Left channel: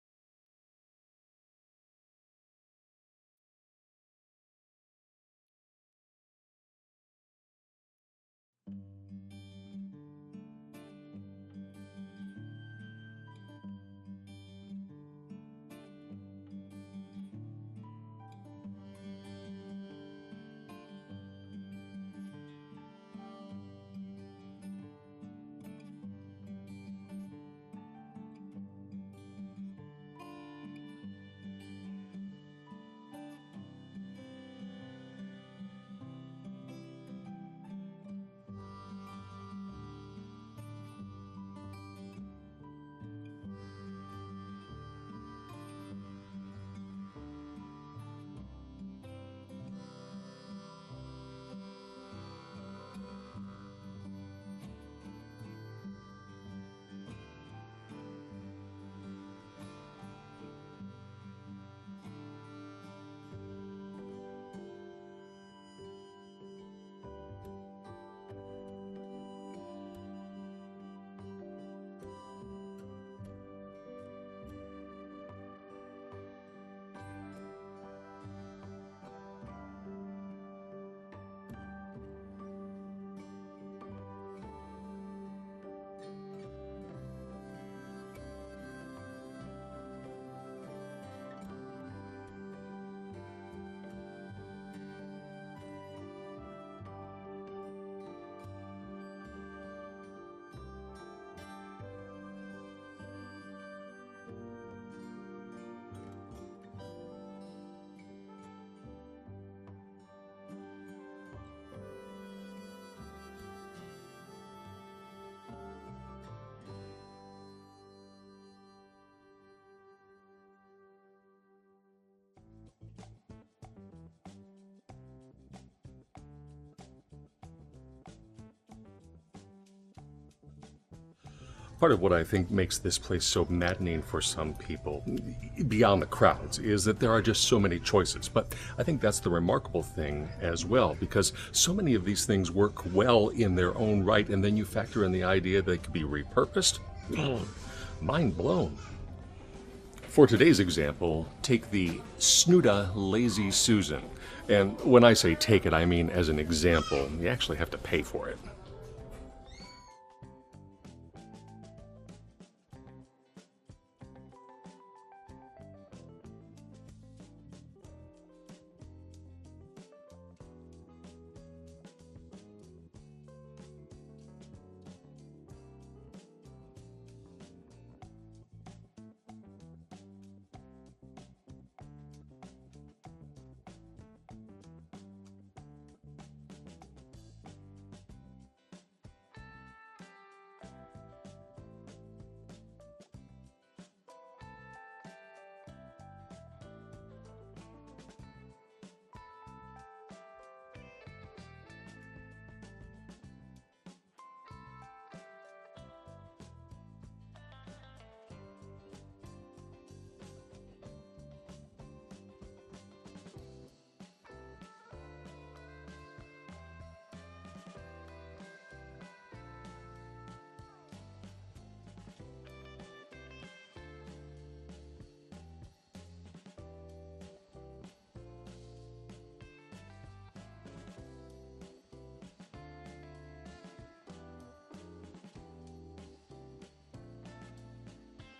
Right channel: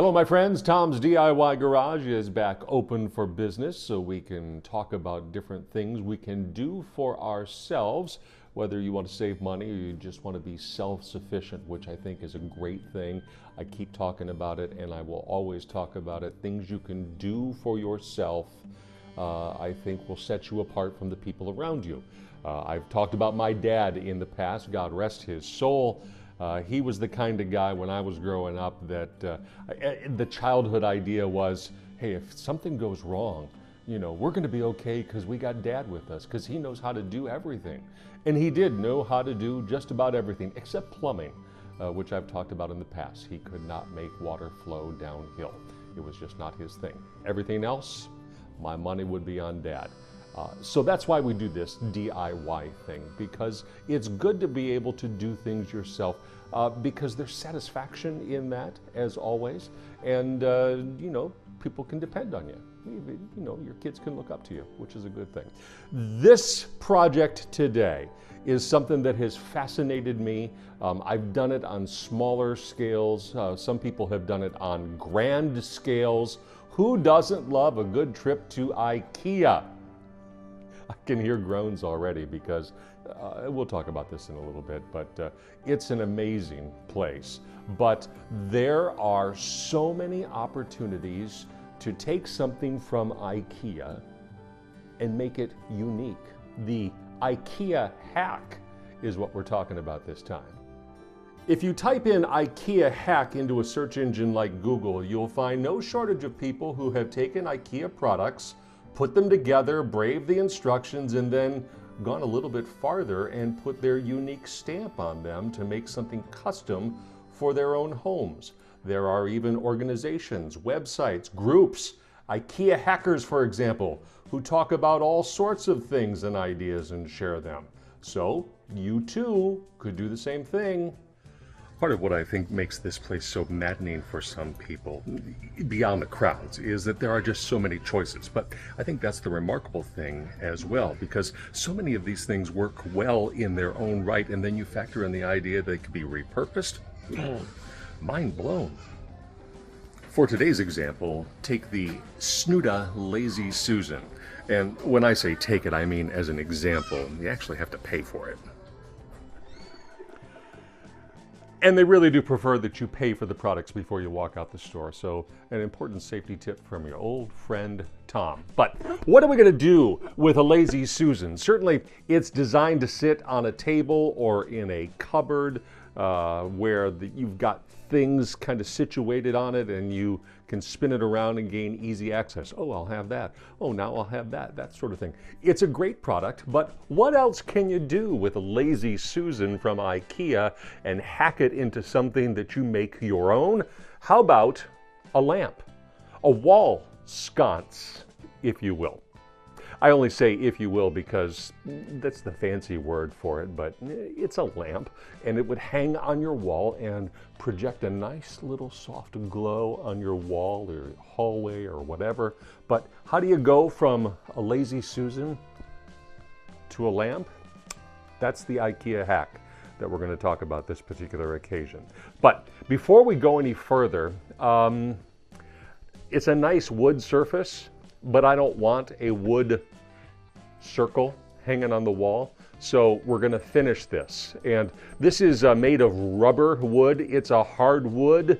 Hello, my friends. Tom's DIY Garage is back open for business so we can talk about different things we can do for ourselves, whether you want to save money or you just want to be self-sufficient, which I think is a great thing. I keep talking about it and I will always talk about it. Things you can do for yourself, I think will set you apart from the people around you. I've talked about my dad in the past, God rest his soul. He was the kind of guy when I was growing up that the childhood idea was, hey, if something goes wrong, we're going to be okay because we got Dad with us, because he knows how to do everything. And he did know how to do just about everything except plumbing, which I've talked about in the past. He could not make water flow downhill. It was just not his thing. Everything else, my money would be on Dad. So that's why we do this DIY thing, because it's good to be able to do things yourself, because there's satisfaction in that, as always, and people can depend on you. Your kids can look up to you, which is a good thing. This project today is something that has fascinated me. I've done it on smaller scales. Some people have done it on grand scales. Who doesn't love a good trip to IKEA? I can hear groans already because we'll talk about this in a little bit, but it's an amazing place. But there are so many opportunities to take something from IKEA and make it unique. The IKEA Hack is what we're talking about this time. If you type in IKEA Hack into a search engine like Google, you'll find no shortage of people who have taken IKEA products, put them together, braved the instructions, and then gone a little bit farther and put their unique stamp on them to make something custom for their own homes. There are even organizations, websites, groups, IKEA hackers, for example, who talk about all sorts of things and ideas and share them. So you too could do the same thing. Part of what I think makes this place so maddening for some people, beyond the crowds, is that there are just so many choices. But I think that's the remarkable thing as well, because so many of these things work well in their own right, and then you factor in the idea they could be repurposed. Mind blown. For today's example, take the Snuda Lazy Susan. And when I say take it, I mean as an example. You actually have to pay for it. And they really do prefer that you pay for the products before you walk out the store. So an important safety tip from your old friend, Tom. But what are we gonna do with a Lazy Susan? Certainly it's designed to sit on a table or in a cupboard where you've got things kind of situated on it and you can spin it around and gain easy access. Oh, I'll have that. Oh, now I'll have that, that sort of thing. It's a great product, but what else can you do with a Lazy Susan from IKEA and hack it into something that you make your own? How about a lamp, a wall sconce, if you will. I only say if you will because that's the fancy word for it, but it's a lamp and it would hang on your wall and project a nice little soft glow on your wall or hallway or whatever. But how do you go from a Lazy Susan to a lamp? That's the IKEA hack that we're going to talk about this particular occasion. But before we go any further, it's a nice wood surface, but I don't want a wood circle hanging on the wall. So we're going to finish this. And this is made of rubber wood. It's a hard wood,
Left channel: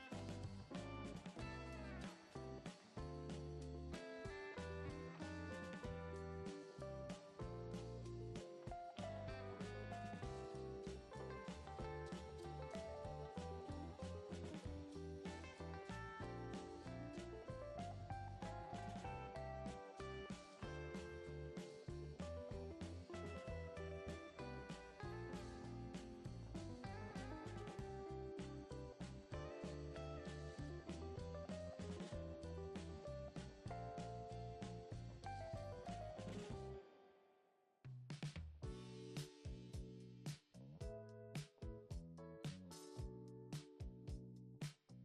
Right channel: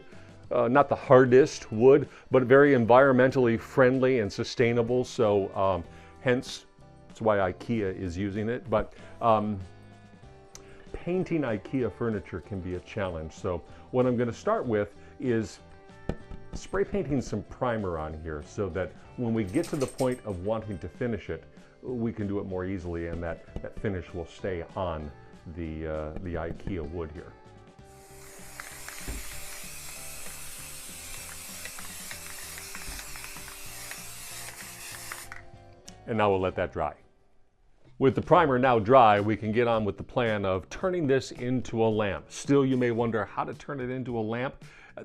not the hardest wood, but very environmentally friendly and sustainable. So hence, that's why IKEA is using it. But painting IKEA furniture can be a challenge. So what I'm going to start with is spray painting some primer on here so that when we get to the point of wanting to finish it, we can do it more easily and that finish will stay on the IKEA wood here. And now we'll let that dry. With the primer now dry, we can get on with the plan of turning this into a lamp. Still, you may wonder how to turn it into a lamp.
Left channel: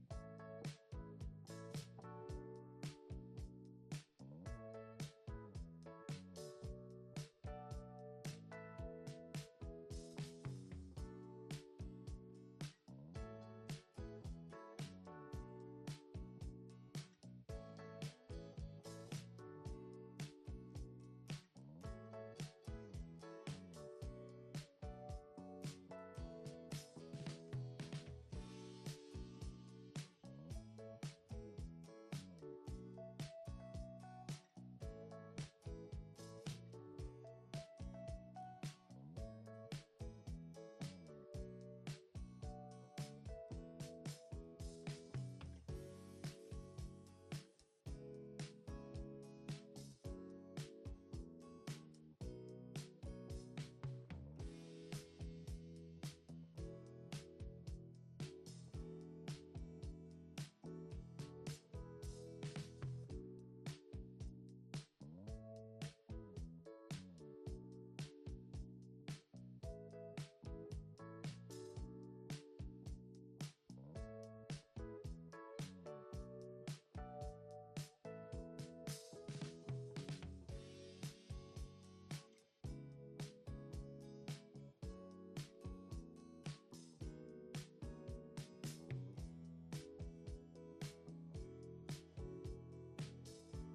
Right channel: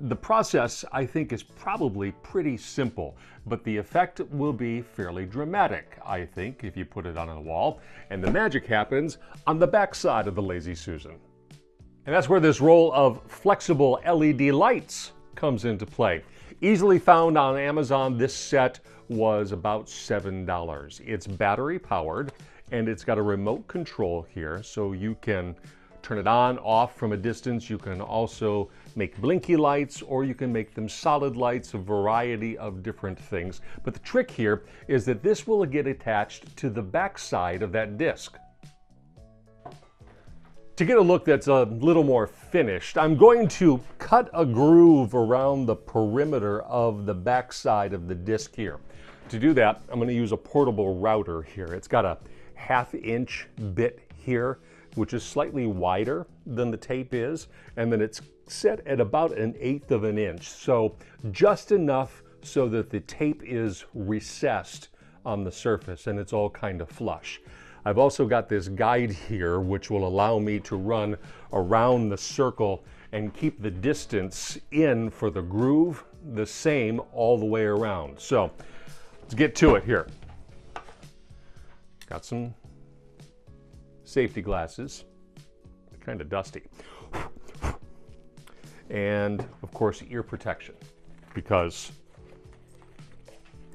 The process, I think, is probably pretty simple, but the effect will be fairly dramatic, I think, if you put it on a wall. And the magic happens on the back side of the Lazy Susan. And that's where this roll of flexible LED lights comes into play. Easily found on Amazon. This set was about $7. It's battery powered and it's got a remote control here, so you can turn it on, off from a distance. You can also make blinky lights, or you can make them solid lights, a variety of different things. But the trick here is that this will get attached to the back side of that disc. To get a look that's a little more finished, I'm going to cut a groove around the perimeter of the back side of the disc here. To do that, I'm going to use a portable router here. It's got a 1/2 inch bit here, which is slightly wider than the tape is, and then it's set at about 1/8 of an inch. So just enough so that the tape is recessed on the surface and it's all kind of flush. I've also got this guide here which will allow me to run around the circle and keep the distance in for the groove the same all the way around. So let's get to it here. Got some safety glasses, kind of dusty. And of course ear protection, because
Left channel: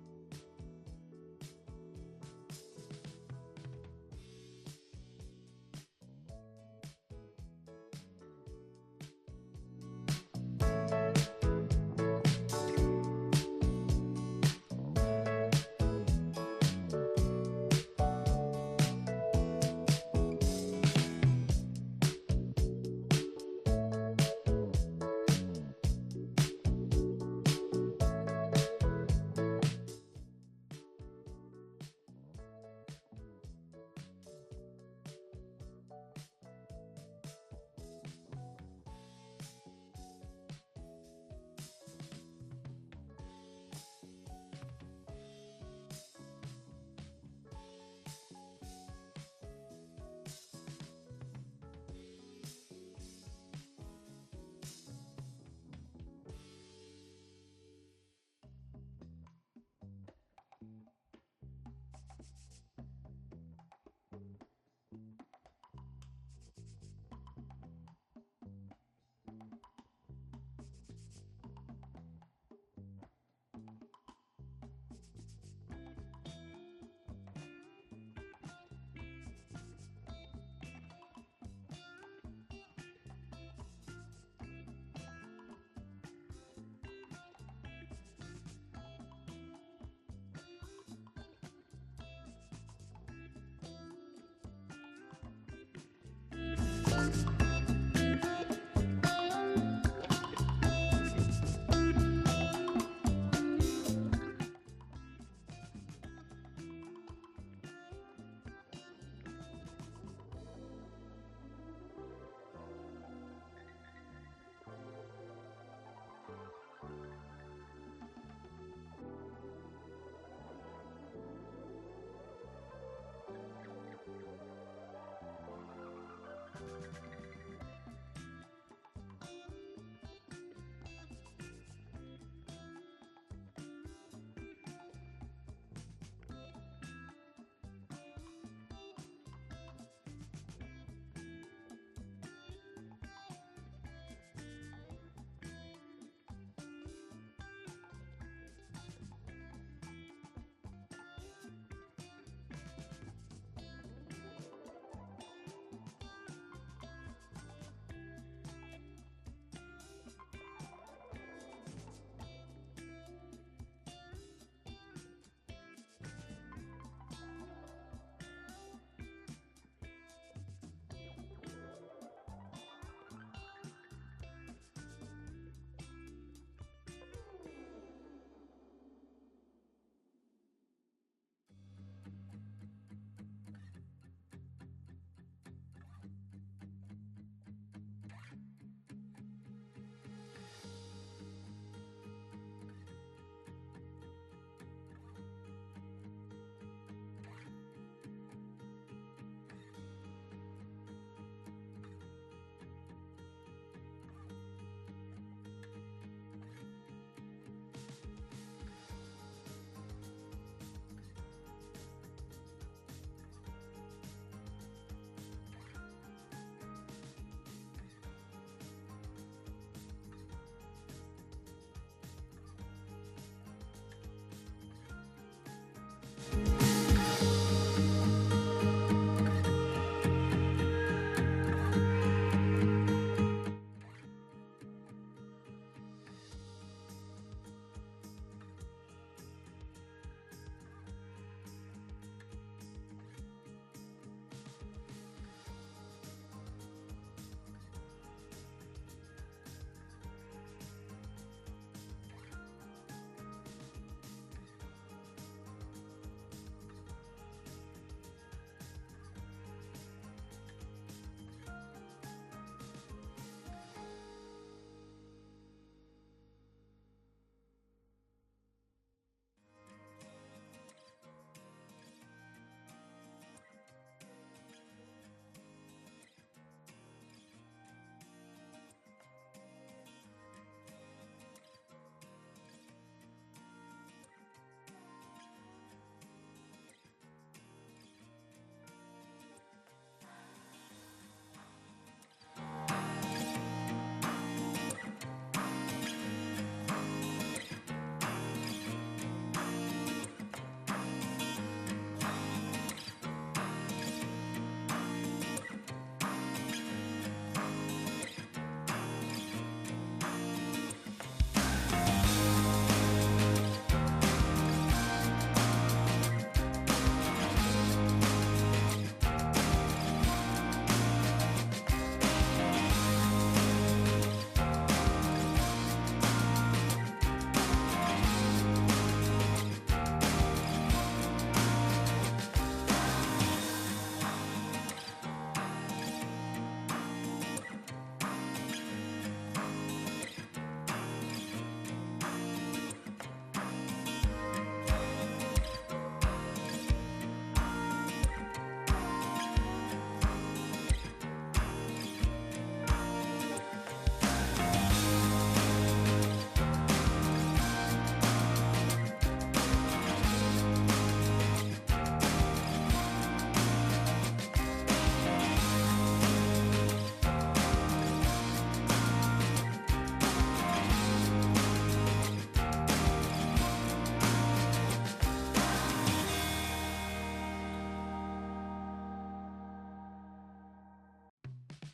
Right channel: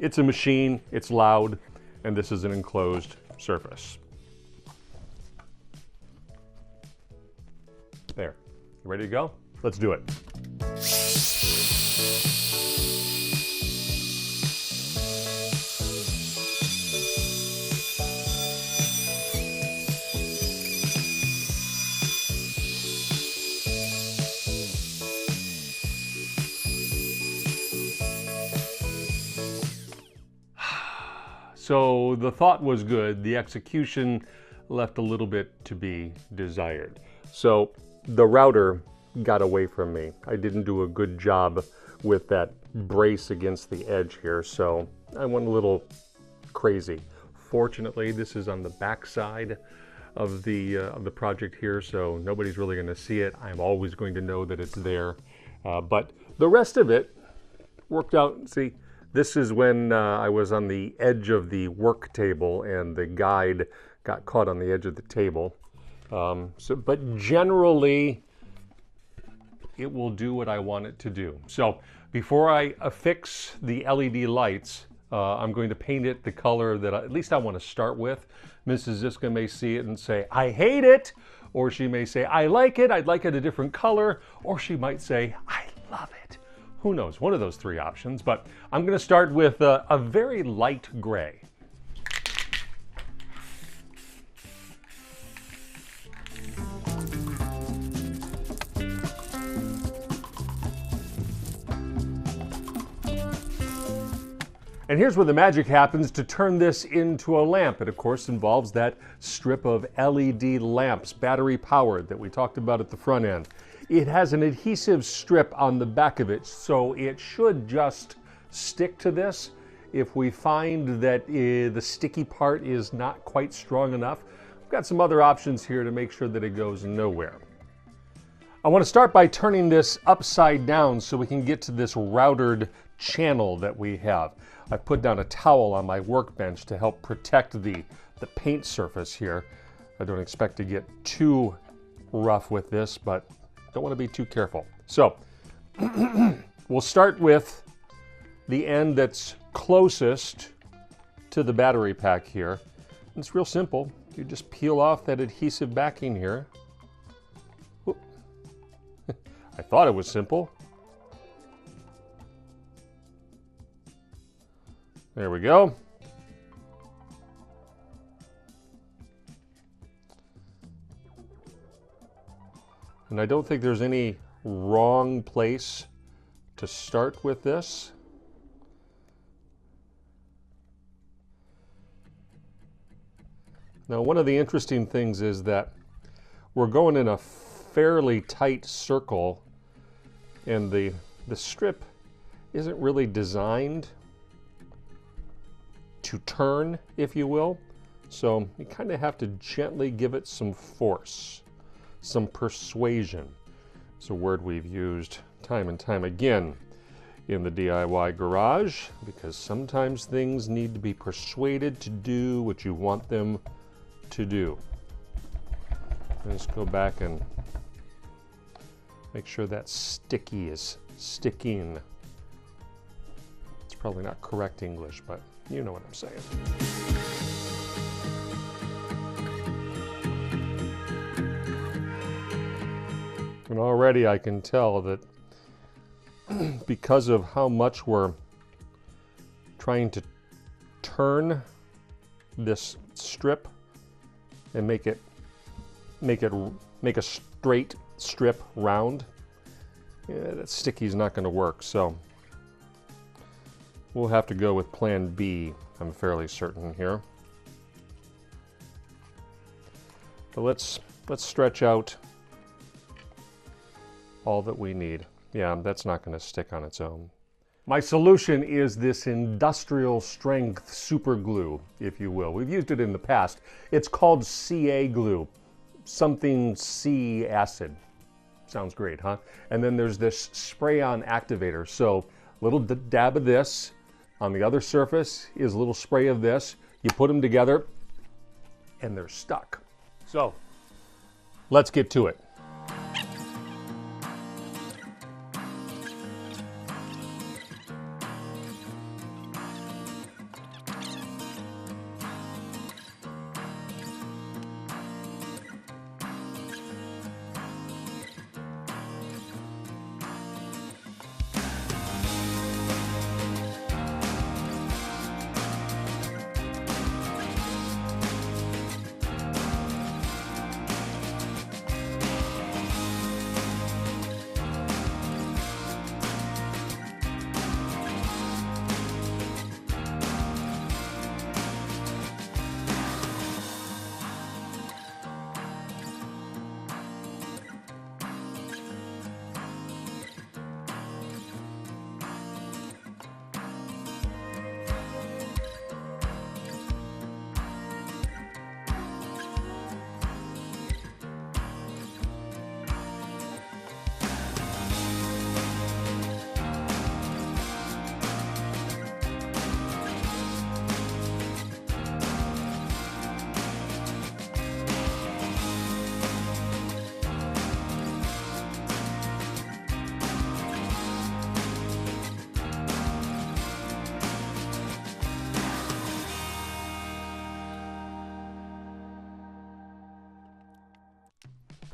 it's a machine, it's loud, and this is an enclosed surface. There, you ready to go? Let's do it. So the thought was good, the execution left a little bit to be desired. So the router got away from me. I didn't do a good job with that brace against the edge here, so I went a little crazy. Fortunately, this is on the back side of the project here, so nobody's really going to see it. I'm always going to know that it's there, but the rest of it worked out. See, this is when I was on the edge of the work table and the guide got caught on the edge of the table. But generally, it will do what I want it to do. So before I affix the LED lights, I'm going to paint it the color that at least I want to start with. Mrs. Zizka may see it and say, I hate it, or she may say, I like it, I'd like it a different color, or she might say, I love it. Who knows, one of those three options, but I'm going to start with a very light gray. And here's where the magic happens to turn this into a lamp. It of course involves that strip of LED lamps, battery powered, that we talked about at the front end. It has an adhesive strip on the back of it, so it should just stick to this. If we find that the sticky part is not quite strong enough, we've got some other options here to make sure that it goes nowhere. I want to start by turning this upside down so we can get to this routered channel that we have. I put down a towel on my workbench to help protect the paint surface here. I don't expect to get too rough with this, but don't want to be too careful. So we'll start with the end that's closest to the battery pack here. It's real simple. You just peel off that adhesive backing here. I thought it was simple. There we go. And I don't think there's any wrong place to start with this. Now, one of the interesting things is that we're going in a fairly tight circle, and the strip isn't really designed to turn, if you will. So you kind of have to gently give it some force, some persuasion. It's a word we've used time and time again in the DIY garage, because sometimes things need to be persuaded to do what you want them to do. Let's go back and make sure that sticky is sticking. Probably not correct English, but you know what I'm saying. And already I can tell that because of how much we're trying to turn this strip and make a straight strip round, that sticky is not going to work. So we'll have to go with plan B, I'm fairly certain here. So let's stretch out all that we need. Yeah, that's not going to stick on its own. My solution is this industrial strength super glue, if you will. We've used it in the past. It's called CA glue, something C acid. Sounds great, huh? And then there's this spray-on activator. So little dab of this. On the other surface is a little spray of this. You put them together and they're stuck. So let's get to it.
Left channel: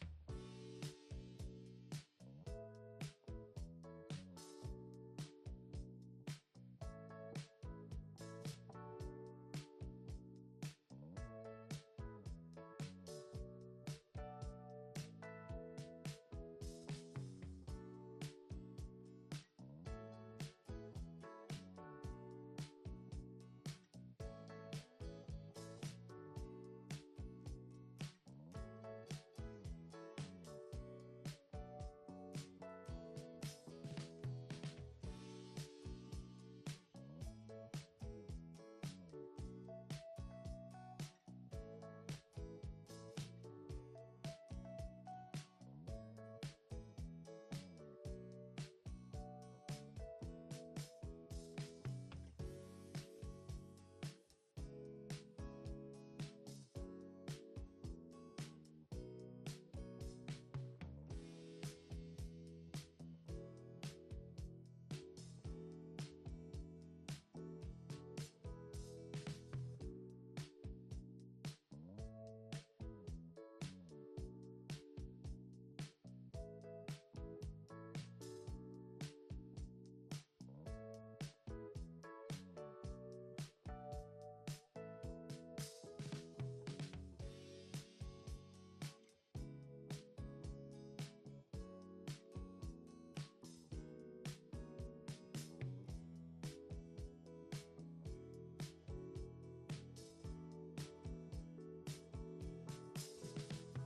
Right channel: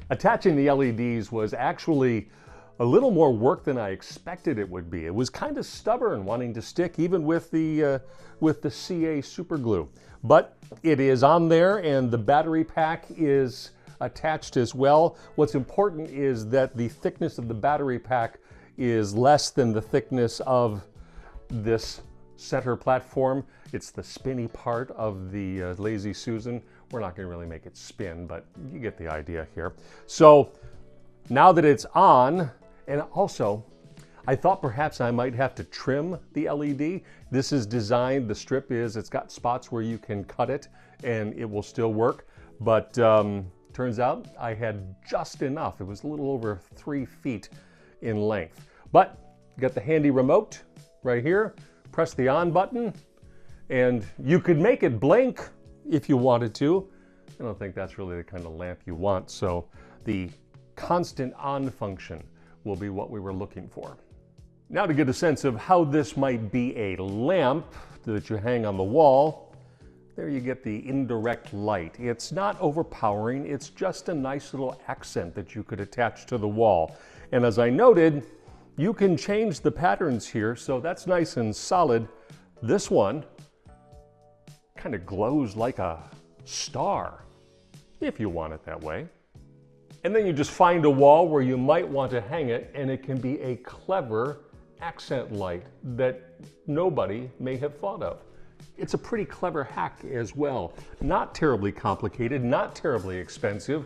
Attaching the LEDs was actually a little more work than I expected it would be. It was kind of stubborn wanting to stick even with the CA super glue. But it is on there and the battery pack is attached as well. What's important is that the thickness of the battery pack is less than the thickness of this center platform. It's the spinny part of the Lazy Susan. We're not going to really make it spin, but you get the idea here. So now that it's on, and also I thought perhaps I might have to trim the LED. This is designed, the strip is, it's got spots where you can cut it and it will still work. But turns out I had just enough. It was a little over 3 feet in length. But you got the handy remote right here. Press the on button and you could make it blink if you wanted to. I don't think that's really the kind of lamp you want, so the constant on function will be what we were looking for. Now to get a sense of how this might be a lamp that you hang on the wall, there you get the indirect light. It's not overpowering, it's just a nice little accent that you could attach to the wall. And as I noted, you can change the patterns here, so that's nice and solid. This one kind of glows like a star, if you want it that way. And then you just find a wall where you might want to hang it, and it can be a clever accent light that nobody may have thought of. It's a pretty clever hack as well. Not terribly complicated, not terribly expensive.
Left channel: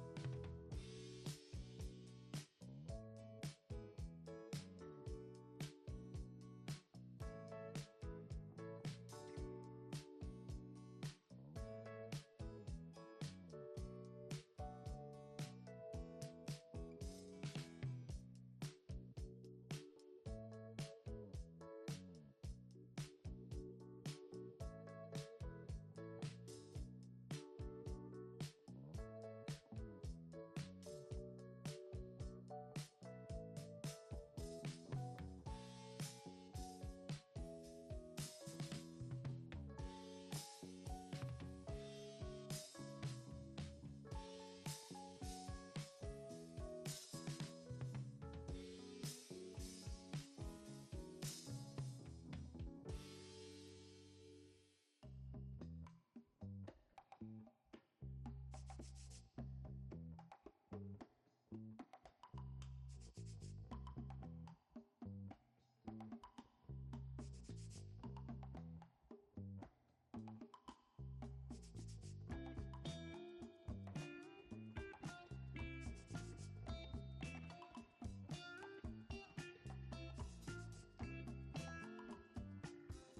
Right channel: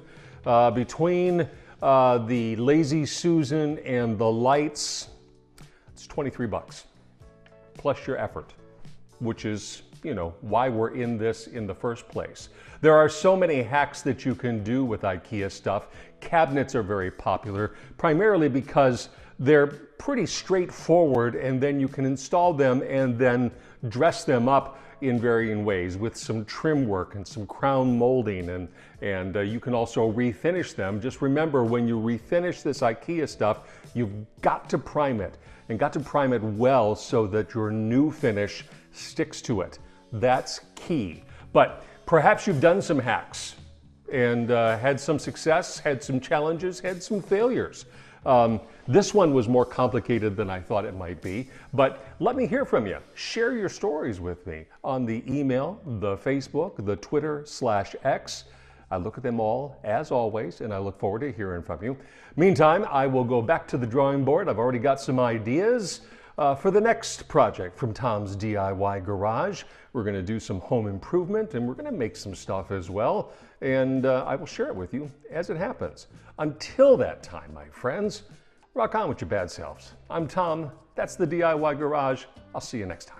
Between the Lazy Susan and the lights, it's 23 bucks, plus your effort, which is, you know, why we're in this in the first place. There are so many hacks that you can do with IKEA stuff. Cabinets are very popular, primarily because they're pretty straightforward, and then you can install them and then dress them up in varying ways with some trim work and some crown molding, and you can also refinish them. Just remember, when you refinish this IKEA stuff, you've got to prime it, and got to prime it well so that your new finish sticks to it. That's key. But perhaps you've done some hacks and had some success, had some challenges, had some failures. This one was more complicated than I thought it might be, but let me hear from you. Share your stories with me on the email, the Facebook, the Twitter/X. I look at them all, as always, and I look forward to hearing from you. Meantime, I will go back to the drawing board. I've already got some ideas for the next project from Tom's DIY Garage. We're going to do some home improvement, and we're going to make some stuff as well, and I will share it with you as it happens. Until that time, my friends, rock on with your bad selves. I'm Tom. That's the DIY Garage. I'll see you next time.